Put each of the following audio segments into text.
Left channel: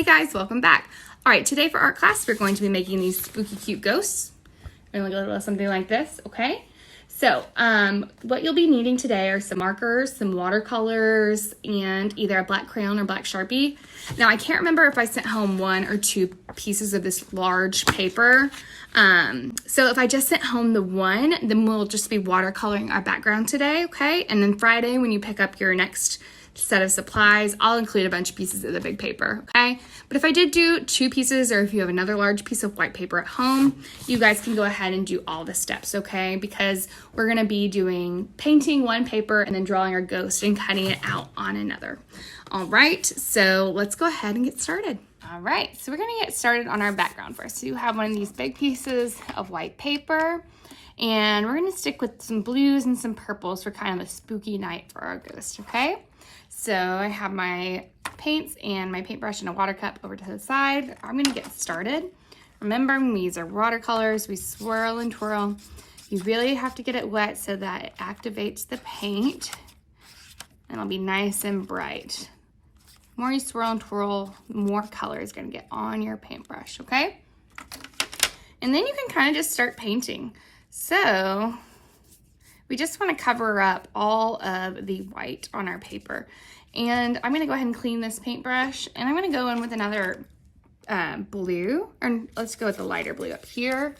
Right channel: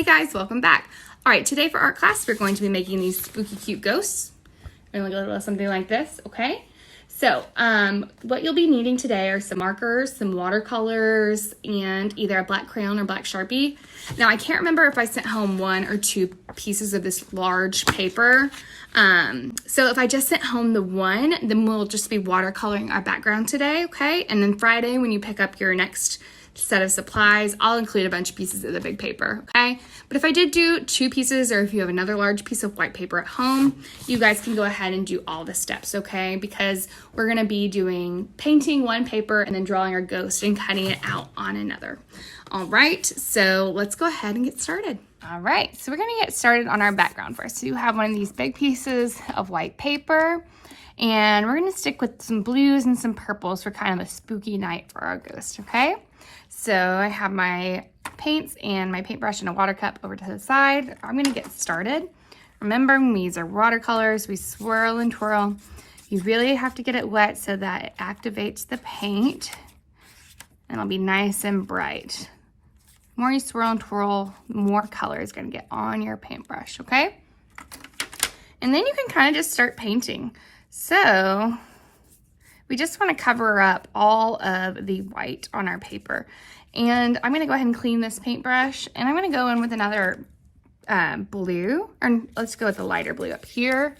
Hey guys, welcome back. All right, today for art class, we're going to be making these spooky cute ghosts. We're gonna look a little something like this, okay? So, what you'll be needing today are some markers, some watercolors, and either a black crayon or black Sharpie. Now, I can't remember if I sent home 1 or 2 pieces of this large paper. So if I just sent home the 1, then we'll just be watercoloring our background today, okay? And then Friday, when you pick up your next set of supplies, I'll include a bunch of pieces of the big paper, okay? But if I did do 2 pieces, or if you have another large piece of white paper at home, you guys can go ahead and do all the steps, okay? Because we're gonna be doing painting one paper and then drawing our ghost and cutting it out on another. All right, so let's go ahead and get started. All right, so we're gonna get started on our background first. So you have one of these big pieces of white paper, and we're gonna stick with some blues and some purples for kind of a spooky night for our ghost, okay? So I have my paints and my paintbrush and a water cup over to the side. I'm gonna get started. Remember, these are watercolors. We swirl and twirl. You really have to get it wet so that it activates the paint and it'll be nice and bright. The more you swirl and twirl, more color is gonna get on your paintbrush, okay? And then you can kind of just start painting. So we just want to cover up all of the white on our paper. And I'm going to go ahead and clean this paintbrush, and I'm going to go in with another blue, and let's go with the lighter blue up here.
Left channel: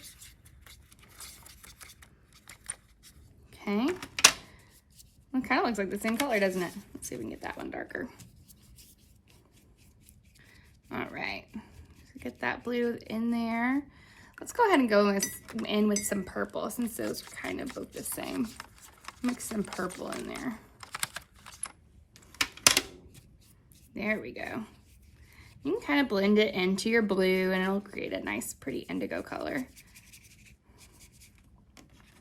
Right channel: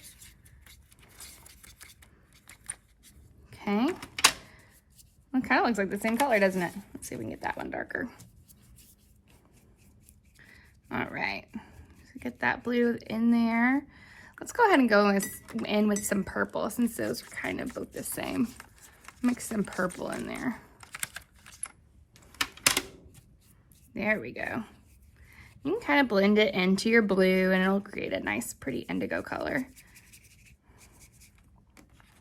Okay. It kind of looks like the same color, doesn't it? Let's see if we can get that one darker. All right. So get that blue in there. Let's go ahead and go in with some purple, since those are kind of both the same. Mix some purple in there. There we go. You can kind of blend it into your blue and it'll create a nice, pretty indigo color.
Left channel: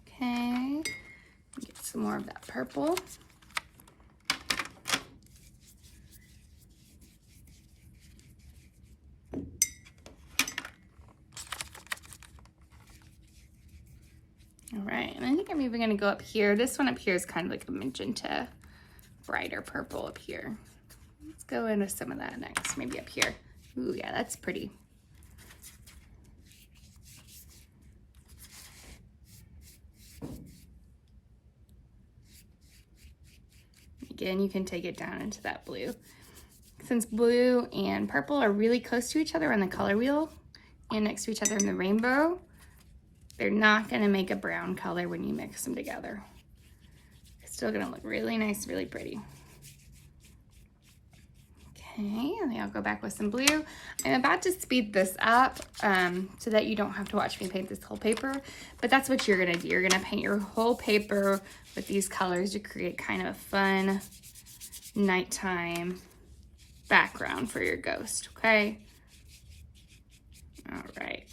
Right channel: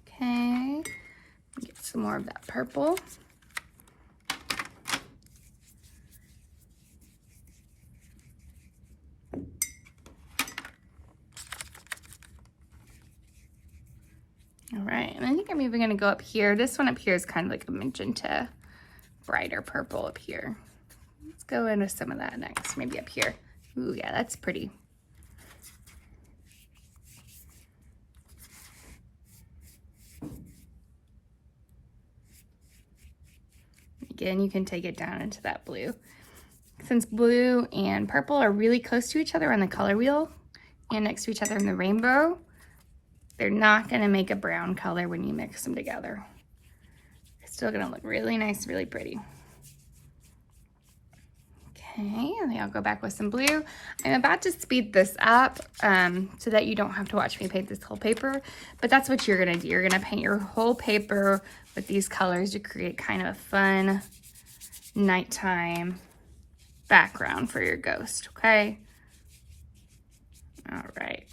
Okay, get some more of that purple. All right, and then you can maybe gonna go up here. This one up here is kind of like a magenta, brighter purple up here. Let's go into some of that next, maybe up here. Ooh, yeah, that's pretty. Again, you can take it down into that blue. Since blue and purple are really close to each other on the color wheel and next to each other in the rainbow, they're not gonna make a brown color when you mix them together. It's still gonna look really nice, really pretty. Okay, and then I'll go back with some blue. I'm about to speed this up so that you don't have to watch me paint this whole paper, but that's what you're gonna do. You're gonna paint your whole paper with these colors to create kind of a fun nighttime background for your ghost, okay? All right.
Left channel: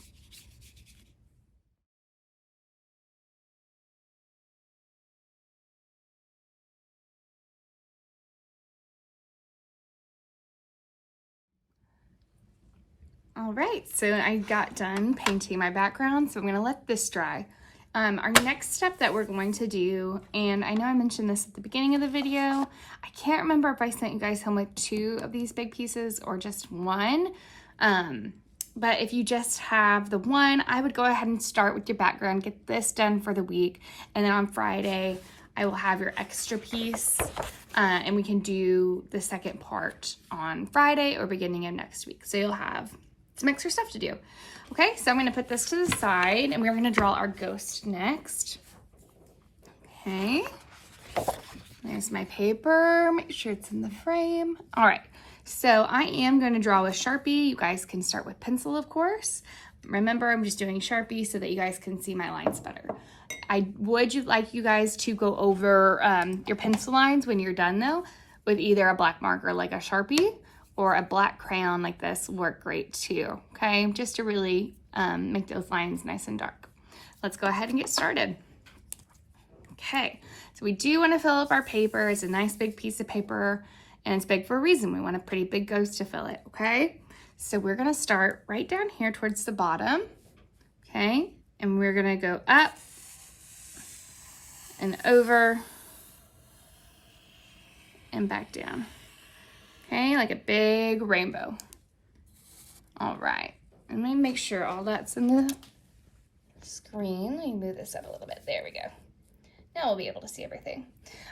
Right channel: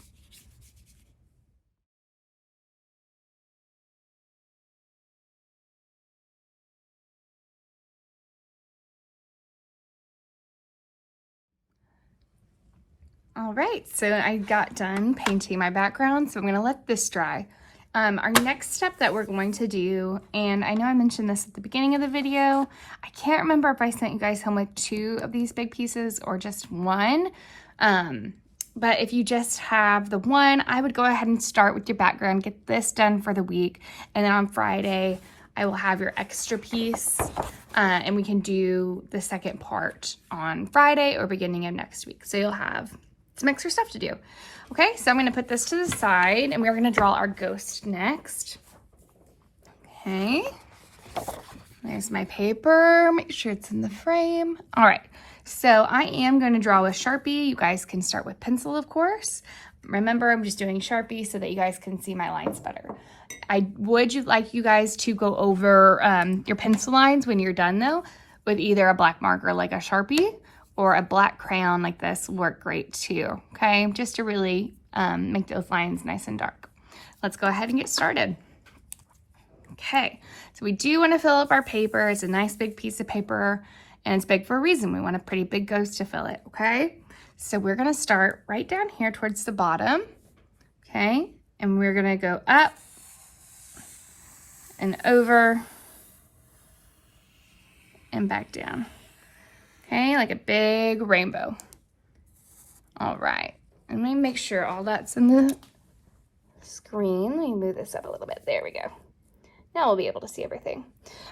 All right, so I got done painting my background, so I'm gonna let this dry. Our next step that we're going to do, and I know I mentioned this at the beginning of the video, I can't remember if I sent you guys home with 2 of these big pieces or just 1, but if you just have the 1, I would go ahead and start with your background, get this done for the week, and then on Friday, I will have your extra piece, and we can do the second part on Friday or beginning of next week. So you'll have some extra stuff to do. Okay, so I'm gonna put this to the side and we're gonna draw our ghost next. Okay, there's my paper. Make sure it's in the frame. All right, so I am gonna draw with Sharpie. You guys can start with pencil, of course. Remember, I'm just doing Sharpie so that you guys can see my lines better. I would like you guys to go over your pencil lines when you're done though, with either a black marker like a Sharpie or a black crayon like this work great too, okay? Just to really make those lines nice and dark. Let's go ahead and get started. Okay, so we do wanna fill up our paper. It's a nice big piece of paper and it's big for a reason. We want a pretty big ghost to fill it, okay? So we're gonna start right down here towards the bottom, okay? And we're gonna go up and over and back down. Okay, like a big rainbow. All right, and let me make sure all that's in the screen. Let me move this up a little bit. There we go. Now we'll be able to see everything.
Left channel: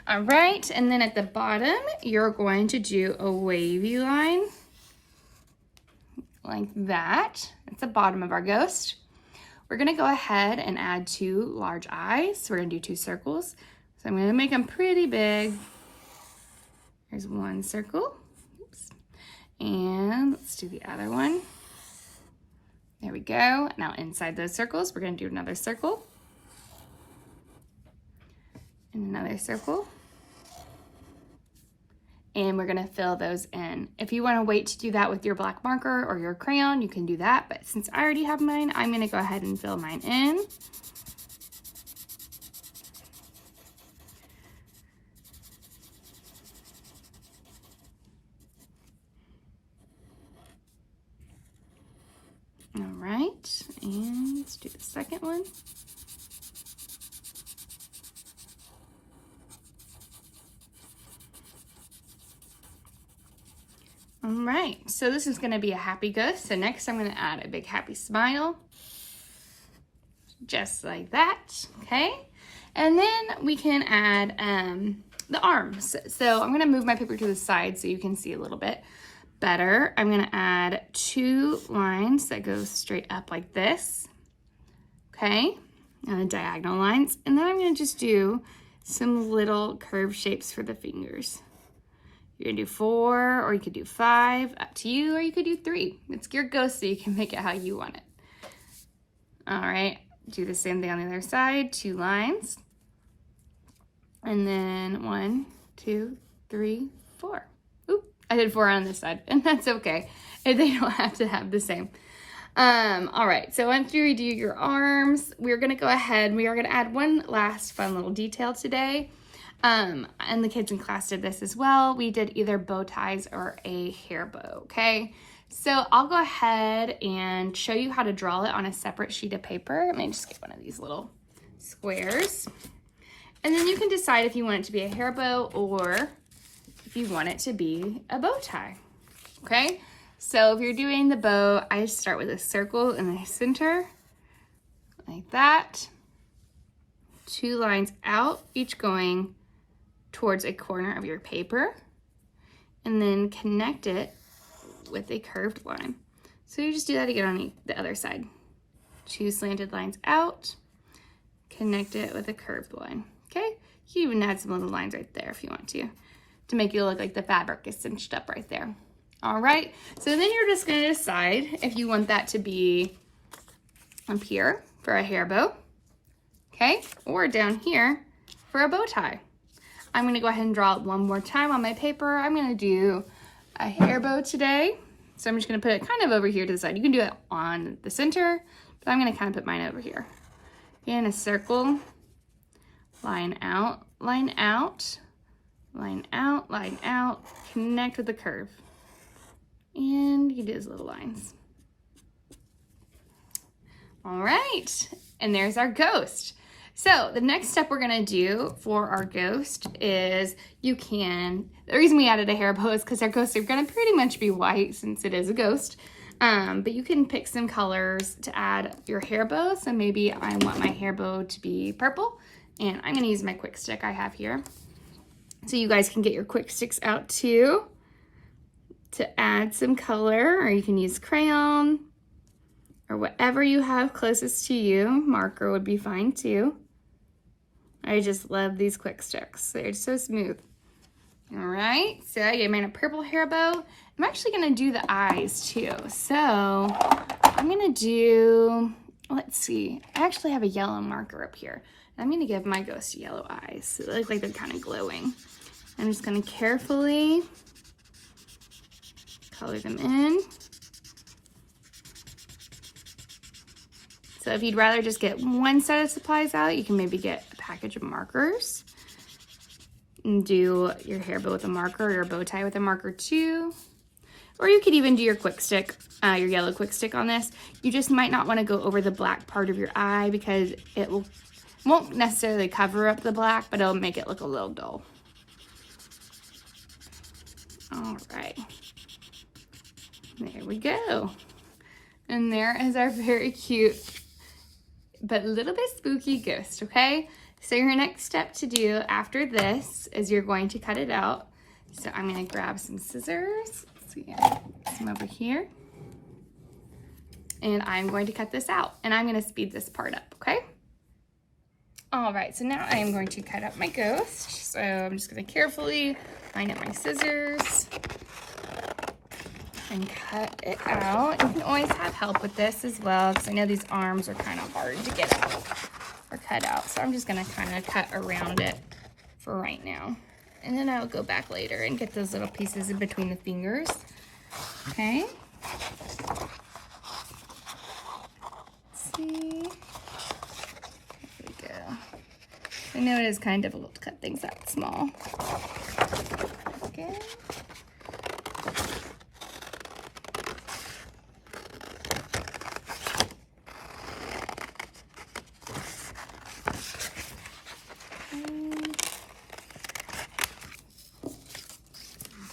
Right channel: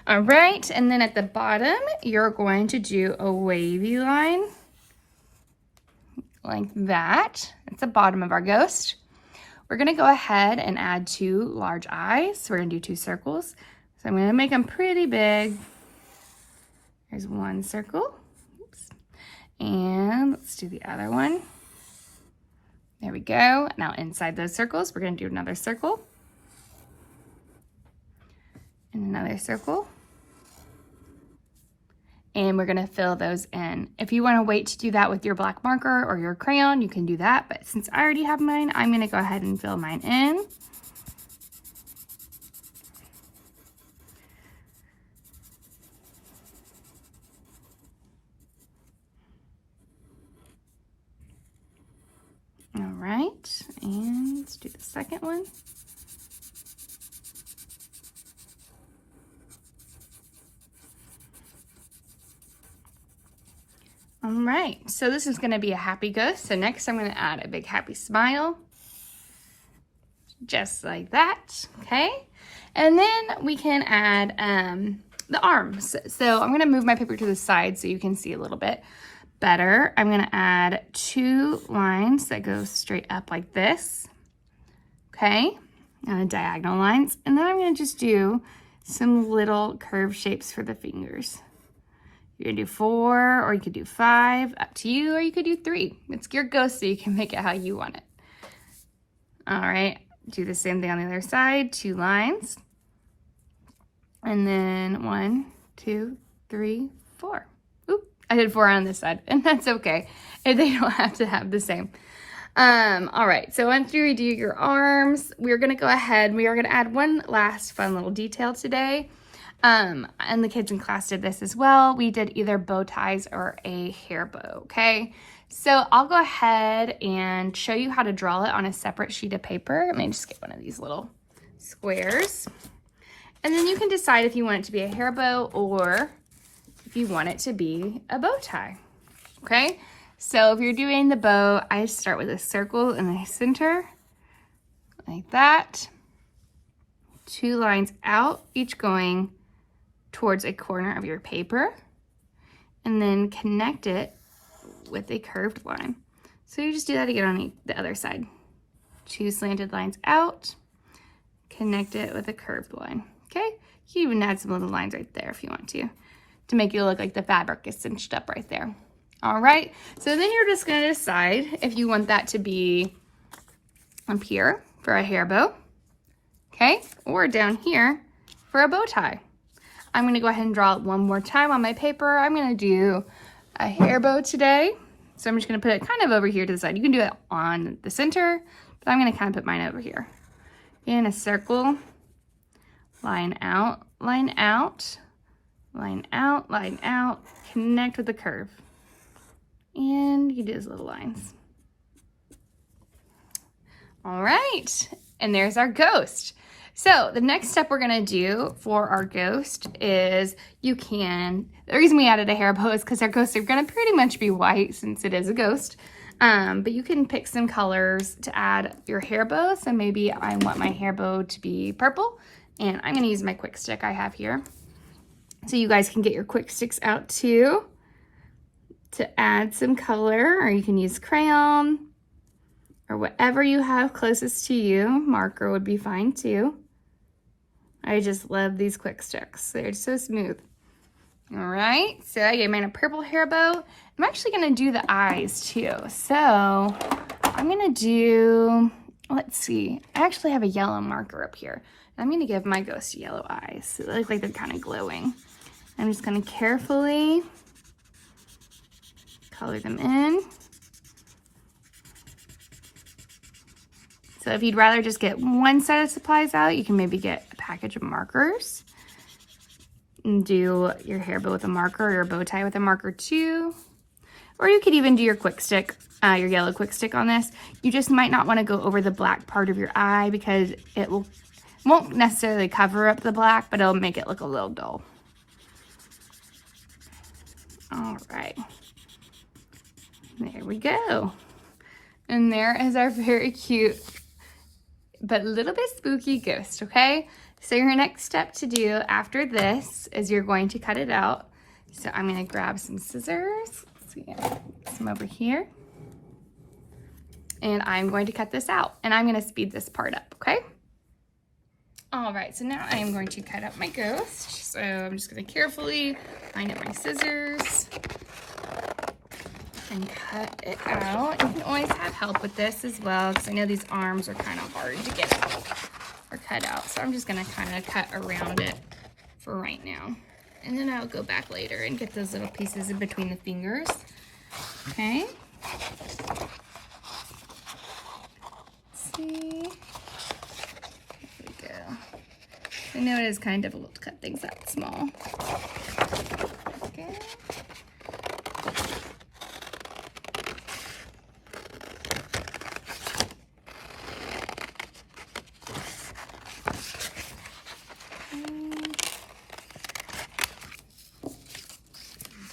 All right, and then at the bottom, you're going to do a wavy line like that. That's the bottom of our ghost. We're gonna go ahead and add 2 large eyes. So we're gonna do 2 circles. So I'm gonna make them pretty big. Here's 1 circle. Oops. And let's do the other one. There we go. Now inside those circles, we're gonna do another circle. And another circle. And we're gonna fill those in. If you wanna wait to do that with your black marker or your crayon, you can do that. But since I already have mine, I'm gonna go ahead and fill mine in. All right, and let's do the second one. All right, so this is gonna be a happy ghost. So next I'm gonna add a big happy smile, just like that, okay? And then we can add the arms. So I'm gonna move my paper to the side so you can see a little bit better. I'm gonna add 2 lines that go straight up like this, okay? Diagonal lines. And then I'm gonna just do some little curved shapes for the fingers. You can do 4, or you could do 5, up to you, or you could do 3. It's your ghost, so you can make it how you want it. All right, do the same thing on the other side, 2 lines. And then 1, 2, 3, 4. Oop, I did 4 on this side, and that's okay. They don't have to have the same. All right, so once you redo your arms, we're gonna go ahead, we are gonna add one last fun little detail today. And the kids in class did this as well. We did either bow ties or a hair bow, okay? So I'll go ahead and show you how to draw it on a separate sheet of paper. Let me just get one of these little squares. And then you can decide if you want it to be a hair bow or if you want it to be a bow tie, okay? So if you're doing the bow, I start with a circle in the center, like that. 2 lines out, each going towards a corner of your paper, and then connect it with a curved line. So you just do that again on the other side. 2 slanted lines out, connect it with a curved line, okay? You can even add some little lines right there if you want to make it look like the fabric is cinched up right there. All right, so then you're just gonna decide if you want that to be up here for a hair bow, okay? Or down here for a bow tie. I'm gonna go ahead and draw it one more time on my paper. I'm gonna do a hair bow today. So I'm just gonna put it kind of over here to the side. You can do it on the center, but I'm gonna kind of put mine over here. In a circle, line out, line out, line out, line out, connect with the curve. And you do those little lines. All right, and there's our ghost. So the next step we're gonna do for our ghost is the reason we added a hair bow is because our ghosts are gonna pretty much be white since it is a ghost. But you can pick some colors to add your hair bow. So maybe I want my hair bow to be purple, and I'm gonna use my quick stick I have here. So you guys can get your quick sticks out too to add some color, or you can use crayon or whatever you have closest to you. Marker would be fine too. I just love these quick sticks. They're so smooth. All right, so I made a purple hair bow. I'm actually gonna do the eyes too. So I'm gonna do, let's see, I actually have a yellow marker up here. I'm gonna give my ghost yellow eyes. So they look like they're kind of glowing. I'm just gonna carefully color them in. So if you'd rather just get one set of supplies out, you can maybe get a package of markers and do your hair bow with a marker or your bow tie with a marker too. Or you could even do your quick stick, your yellow quick stick on this. You just might not want to go over the black part of your eye because it won't necessarily cover up the black, but it'll make it look a little dull. All right, there we go. And there is our very cute, but a little bit spooky ghost, okay? So your next step to do after this is you're going to cut it out. So I'm gonna grab some scissors. So yeah, some over here. And I'm going to cut this out, and I'm gonna speed this part up, okay? All right, so now I am going to cut up my ghost. So I'm just gonna carefully line up my scissors and cut it out. You can always have help with this as well, because I know these arms are kind of hard to get out or cut out. So I'm just gonna kind of cut around it for right now. And then I'll go back later and get those little pieces in between the fingers. Okay. Let's see. There we go. I know it is kind of difficult to cut things out small. Okay.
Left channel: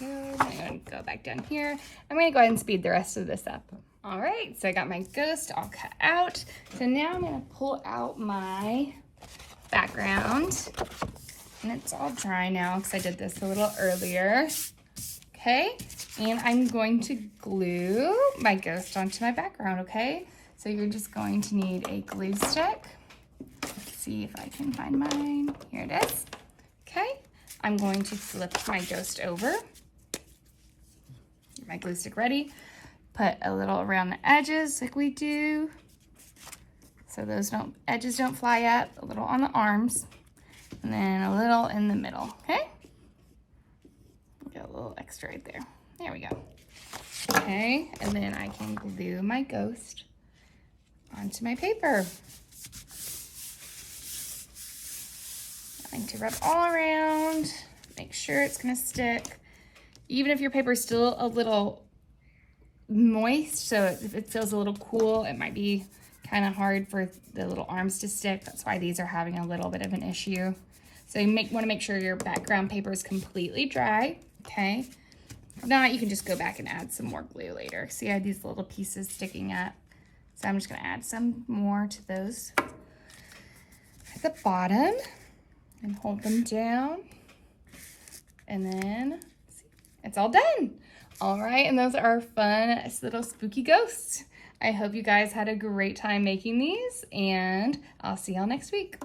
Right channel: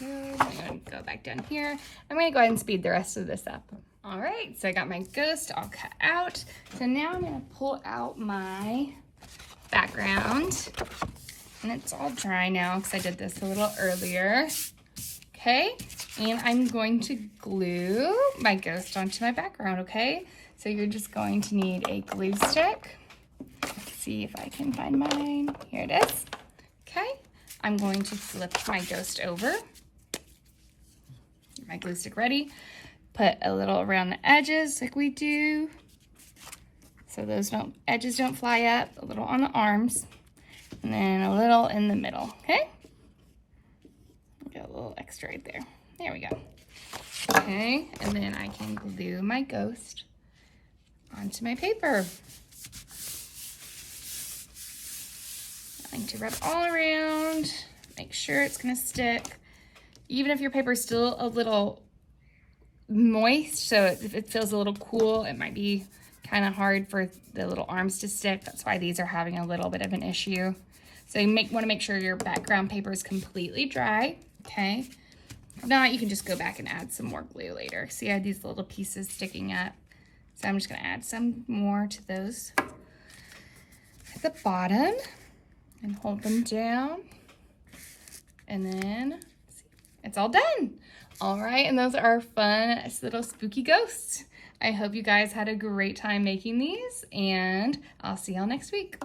I'm going to go back down here. I'm going to go ahead and speed the rest of this up. All right, so I got my ghost all cut out. So now I'm going to pull out my background. And it's all dry now because I did this a little earlier. Okay, and I'm going to glue my ghost onto my background, okay? So you're just going to need a glue stick. Let's see if I can find mine. Here it is. Okay, I'm going to flip my ghost over. Get my glue stick ready. Put a little around the edges like we do, so those edges don't fly up. A little on the arms, and then a little in the middle. Okay, got a little extra right there. There we go. Okay, and then I can glue my ghost onto my paper. I like to rub all around, make sure it's gonna stick. Even if your paper is still a little moist, so if it feels a little cool, it might be kind of hard for the little arms to stick. That's why these are having a little bit of an issue. So you want to make sure your background paper is completely dry, okay? If not, you can just go back and add some more glue later. See, I had these little pieces sticking up. So I'm just gonna add some more to those at the bottom and hold them down. And then it's all done. All right, and those are our fun little spooky ghosts. I hope you guys had a great time making these, and I'll see y'all next week.